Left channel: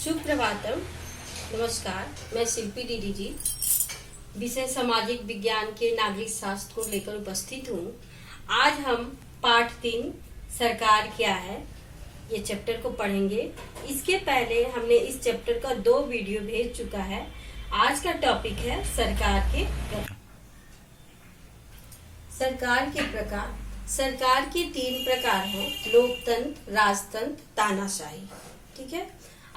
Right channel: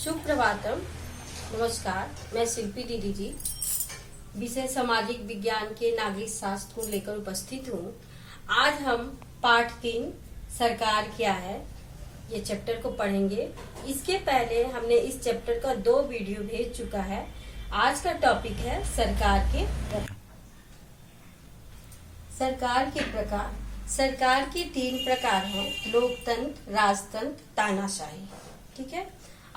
सुप्रभातम। नमस्कार, मैं शिल्पी दीदी जी विषय सामाजिक विज्ञान के नागरिक शास्त्र को लेकर उपस्थित हूँ। आज हम पाठ 3 सरकार क्या है ये चैप्टर को पढ़ेंगे। इसके पहले हमने इस चैप्टर का 2 वीडियो भेज चुका है। आज का टॉपिक है सरकार के प्रकार। सरकार के प्रकार। सरकार के 3 प्रकार हैं, लोकतंत्र, राजतंत्र, तानाशाही। ठीक है,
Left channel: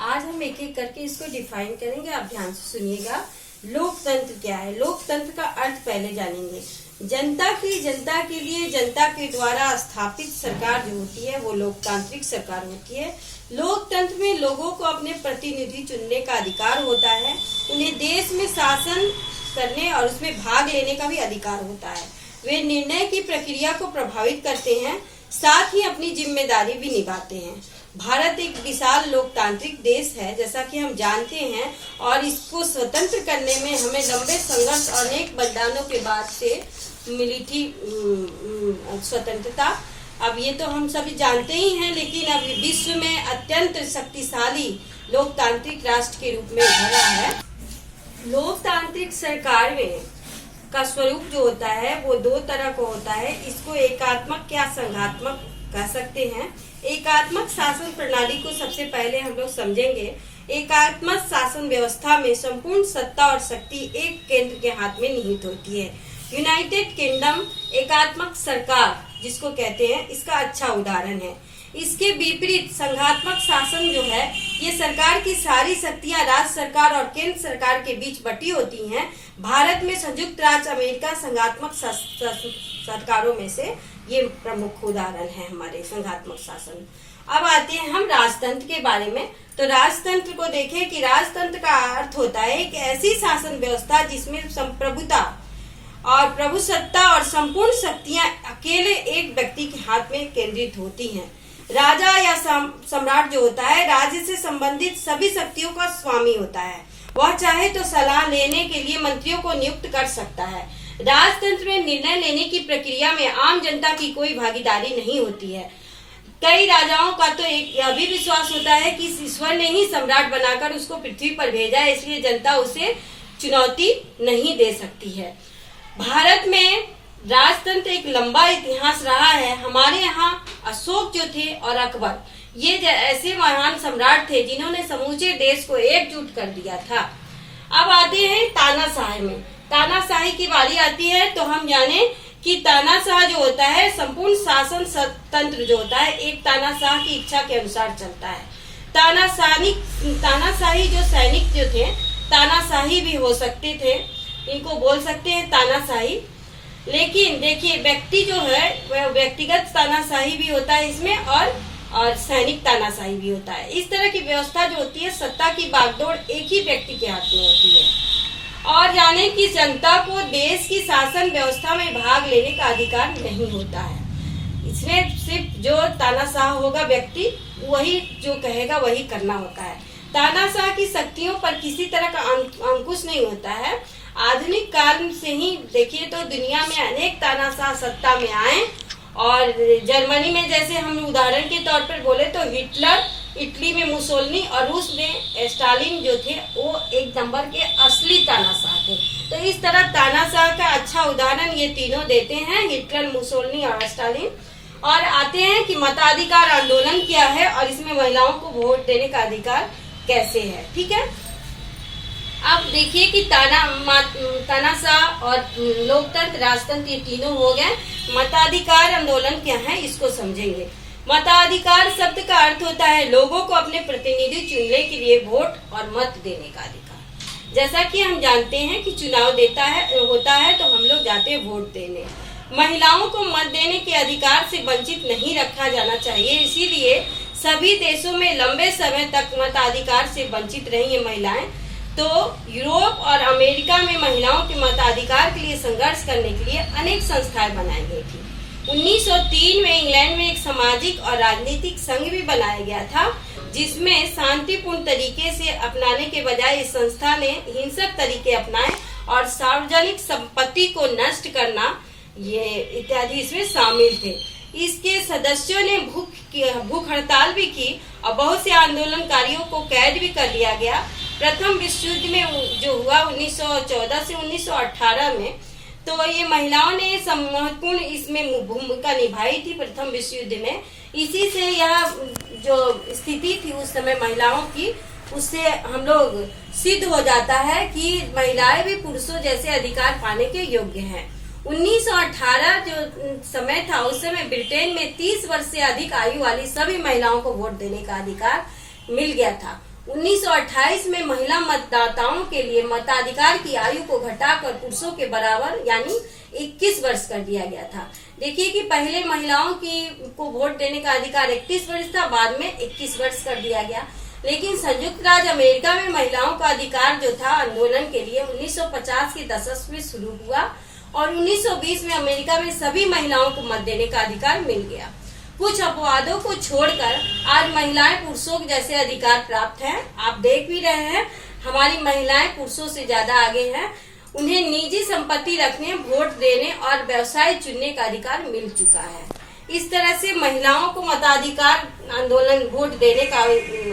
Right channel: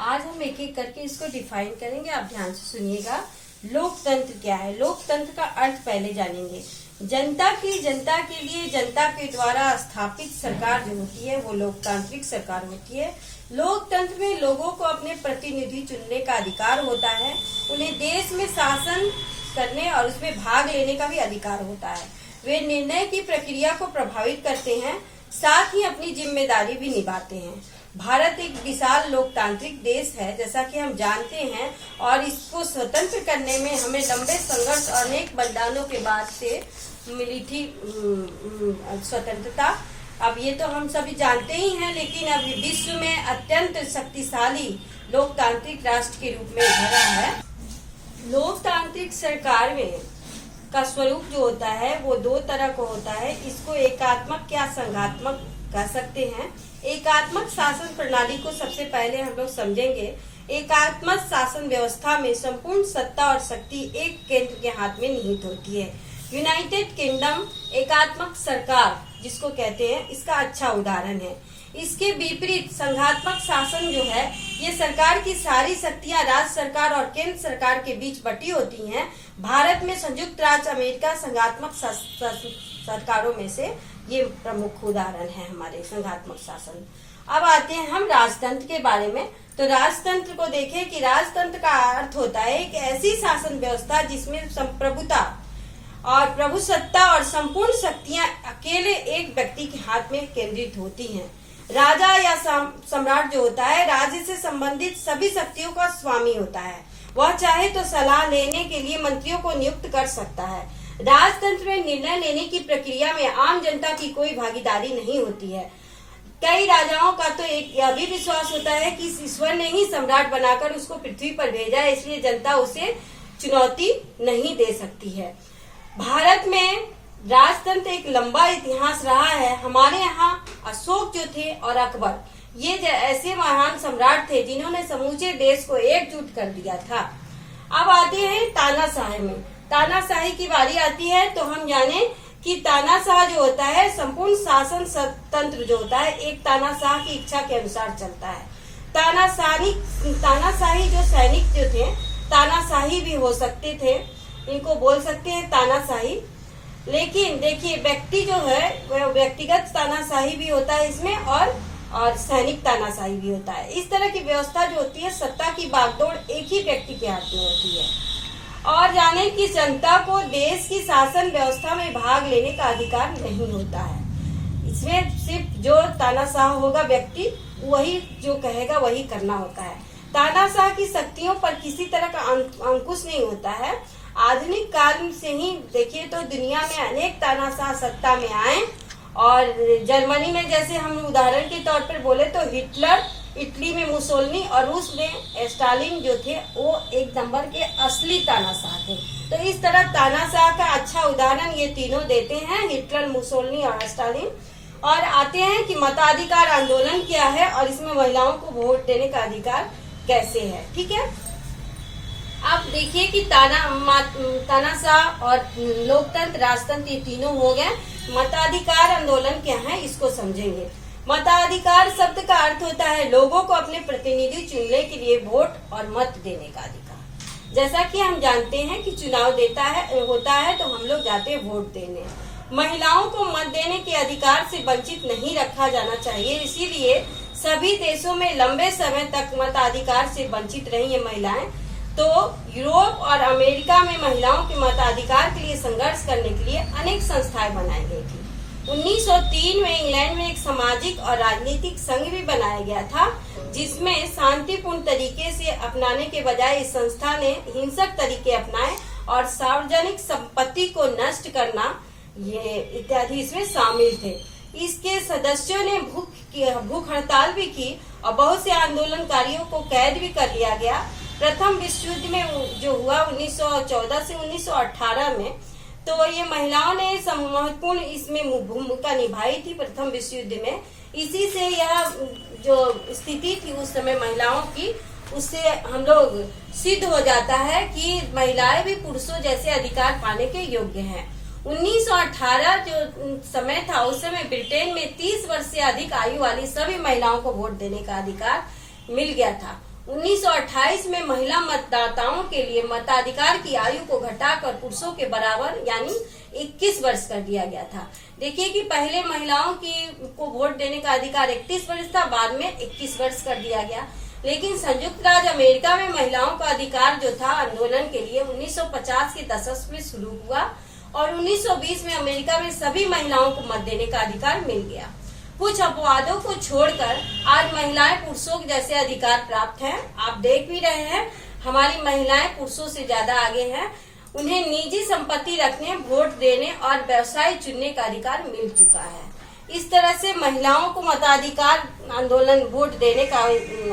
आज हम एक एक करके इसको डिफाइन करेंगे। आप ध्यान से सुनिएगा। लोकतंत्र क्या है? लोकतंत्र का अर्थ पहले जानेंगे। जनता के लिए जनता के द्वारा स्थापित सरकार जो होती है वो लोकतांत्रिक सरकार होती है। लोकतंत्र में लोगों को अपने प्रतिनिधि चुनने का अधिकार होता है। उन्हें देश में शासन करने और उसमें भाग लेने का भी अधिकार होता है। वे निर्णय की प्रक्रिया को प्रभावित करते हैं, साथ ही अपनी जिम्मेदारी भी निभाते हैं। भारत एक विशाल लोकतांत्रिक देश है, जैसा कि हम जानते हैं, और इसको स्वतंत्र करने में हमें लंबे संघर्ष और अनेक बलिदानों के बाद से मिली थी स्वतंत्रता। अब ये तो हम सभी जानते ही हैं, लेकिन अब विश्व में अत्यंत शक्तिशाली लोकतांत्रिक राष्ट्र के रूप में उभरा है। लोकतांत्रिक सरकार में का स्वरूप जो होता है वो 2 तरह का होता है। इसको एकात्मक या संघात्मक कह सकते हैं। एकात्मक शासन प्रणाली को सबसे पहले हम लोग समझेंगे। एकात्मक शासन व्यवस्था में संपूर्ण सत्ता और शक्ति एक केंद्र के हाथ में निहित होती है। यूनाइटेड किंगडम एकात्मक सरकार जिसको कहते हैं, इसका अच्छा उदाहरण है। इसके विपरीत संघात्मक शासन जो है, ये सरकार की सारी शक्तियां राज्य सरकार और केंद्र सरकार के बीच बटी होती हैं। भारत में संयुक्त राज्य अमेरिका संघात्मक सरकारों में से ये प्रमुख उदाहरण है हमारे संघात्मक शासन। अब आते हैं हम राजतंत्र के बारे में। तो राजतंत्र को देखें कि राजतंत्र का अर्थ होता है एक ऐसी शासन व्यवस्था जिसमें संप्रभुता और प्रभुसत्ता और संपूर्ण शक्तियां अकेले एक व्यक्ति के हाथ में केंद्रित होती हैं। राजा या सम्राट जो होता है, राज्य से संबंधित सभी शक्तियों का स्वामी होता है। वह चाहे तो सलाह लेने के लिए मंत्रियों को नियुक्त कर सकता है। राजतंत्र में निर्णय लेने की प्रक्रिया में आम जनता की कोई भागीदारी नहीं होती है। कई राजाओं का तो एक यह भी विश्वास होता है कि ईश्वर ने ही सम्राट बनाकर उसको पृथ्वी पर भेजा है, इसलिए जनता उसे चुनौती नहीं दे सकती है। भारत में राजतंत्र एक लंबा इतिहास रहा है। हमारे यहाँ अशोक जो थे और अकबर, ये ऐसे महान सम्राट थे जिन्होंने समूचे देश को एकजुट कर दिया था। अब आते हैं तानाशाही में। तानाशाही की बारी आती है तो हम जाने कि तानाशाह जो होता है, संपूर्ण शासन तंत्र जो होता है, एक तानाशाह की इच्छा के अनुसार चलता है। तानाशाही जो सैनिक जो थे, तानाशाही भी हो सकते थे, इनको बोल सकते हैं तानाशाही। लेकिन देखिए, व्यक्ति जो है वह व्यक्तिगत तानाशाही भी होता है इसमें, और सैनिक तानाशाही भी होता है। इस तरह की व्यवस्था जो होती है, सत्ता की बागडोर एक ही व्यक्ति के हाथ में होती है। और जाने कि जनता को देश की शासन व्यवस्था में भाग लेने का अधिकार नहीं होता है। इसमें सिर्फ जो तानाशाह होगा व्यक्ति, वही जो कहेगा वही करना होता है। तानाशाह की शक्तियों पर किसी तरह का अंकुश नहीं होता है। आधुनिक काल से ही देखिए तो दुनिया में अनेक तानाशाह सत्ता में आए, और जर्मनी में जैसे हम उदाहरण के तौर पर बोले तो हिटलर, इटली में मुसोलिनी और रूस में स्टालिन जो थे वो एक नंबर के असली तानाशाह थे। तो इस तरह तानाशाह का अच्छा उदाहरण ये तीनों देते हैं, हिटलर, मुसोलिनी और स्टालिन। और आते हैं कि मताधिकार आंदोलन क्या है और इसमें महिलाओं को वोट देने का अधिकार कैसे है। ठीक है, अब देखिए कि तानाशाह और लोकतंत्र, राजतंत्र ये तीनों हो गए। मताधिकार आंदोलन क्या है इसको समझेंगे। मताधिकार शब्द का अर्थ होता है लोगों को अपने प्रतिनिधि चुनने के लिए वोट और मत देने का अधिकार। जैसा कि हम जानते हैं कि चुनाव होता है तो हम लोग जाते हैं वोट देने। महिलाओं को मत देने के अधिकार से वंचित नहीं रखा जाना चाहिए, इसीलिए सभी देशों में लंबे समय तक मताधिकार से वंचित रही है महिलाएं। तो यूरोप और अमेरिका में महिलाओं के मताधिकार के लिए संघर्ष करने के लिए अनेक संस्थाएं बनाई गई थी। 1903 में इंग्लैंड में एक सामाजिक और राजनीतिक संघ भी बनाया गया था, जिसमें शांतिपूर्ण तरीके से अपनाने के बजाय इस संस्था ने हिंसक तरीके अपनाए और सार्वजनिक संपत्ति को नष्ट करना ये इत्यादि इसमें शामिल थे। इसके सदस्यों ने भूख हड़ताल भी की और बहुत से आंदोलनकारियों को कैद भी कर लिया गया। प्रथम विश्व युद्ध में जो हुआ 1914 से 1918 में, तो ये महिलाओं ने महत्वपूर्ण इसमें भूमिका निभाई थी प्रथम विश्व युद्ध में। इसी से यह जो स्थिति थी उस समय महिलाओं की, उससे हम लोग सिद्ध हो जाता है कि महिलाएं भी पुरुषों जैसे अधिकार पाने के योग्य हैं। 1918 जो समय था, उस समय ब्रिटेन में 30 वर्ष से अधिक आयु वाली सभी महिलाओं को वोट देने का अधिकार मिल गया था। 1928 में महिला मतदाताओं के लिए मताधिकार की आयु को घटाकर पुरुषों के बराबर यानी 21 वर्ष कर दिया गया था। देखिए कि पहले महिलाओं को वोट देने का अधिकार 31 वर्ष था, बाद में 21 वर्ष कर दिया गया। लेकिन संयुक्त राज्य अमेरिका में महिलाओं का अधिकार जो था आंदोलन के लिए 1950 के दशक में शुरू हुआ और 1920 में अमेरिका में सभी महिलाओं को मत देने का अधिकार मिल गया। कुछ अपवादों को छोड़कर आज महिलाएं पुरुषों के जैसे अधिकार प्राप्त हैं। आप देख भी रहे हैं हमारी महिलाएं पुरुषों से ज्यादा आगे हैं। उन्हें निजी संपत्ति रखने, वोट देने और व्यवसाय चुनने का अधिकार मिल चुका है। इस तरह से महिलाओं को मताधिकार, आंदोलन, वोट देने का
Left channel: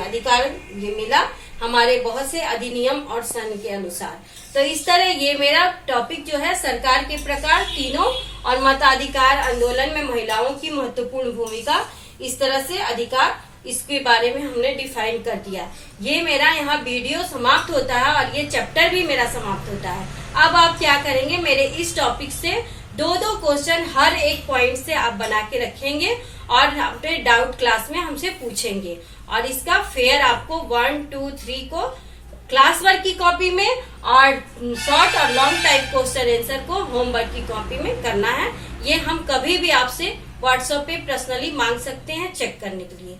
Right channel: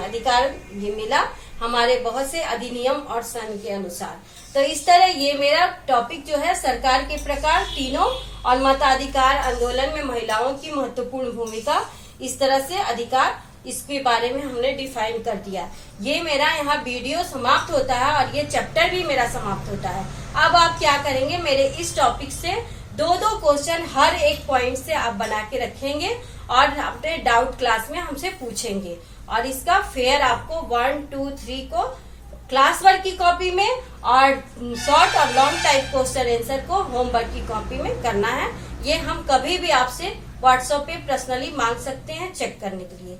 अधिकार मिला हमारे बहुत से अधिनियम और संघ के अनुसार। तो इस तरह ये मेरा टॉपिक जो है सरकार के प्रकार तीनों और मताधिकार आंदोलन में महिलाओं की महत्वपूर्ण भूमिका, इस तरह से अधिकार, इसके बारे में हमने डिफाइन कर दिया। ये मेरा यहाँ वीडियो समाप्त होता है और ये चैप्टर भी मेरा समाप्त होता है। अब आप क्या करेंगे, मेरे इस टॉपिक से दो क्वेश्चन हर एक पॉइंट से आप बना के रखेंगे और अपने डाउट क्लास में हमसे पूछेंगे और इसका फेयर आपको 1, 2, 3 को क्लास वर्क की कॉपी में और शॉर्ट और लॉन्ग टाइप क्वेश्चन आंसर को होमवर्क की कॉपी में करना है। ये हम कभी भी आपसे व्हाट्सएप पे पर्सनली मांग सकते हैं चेक करने के लिए।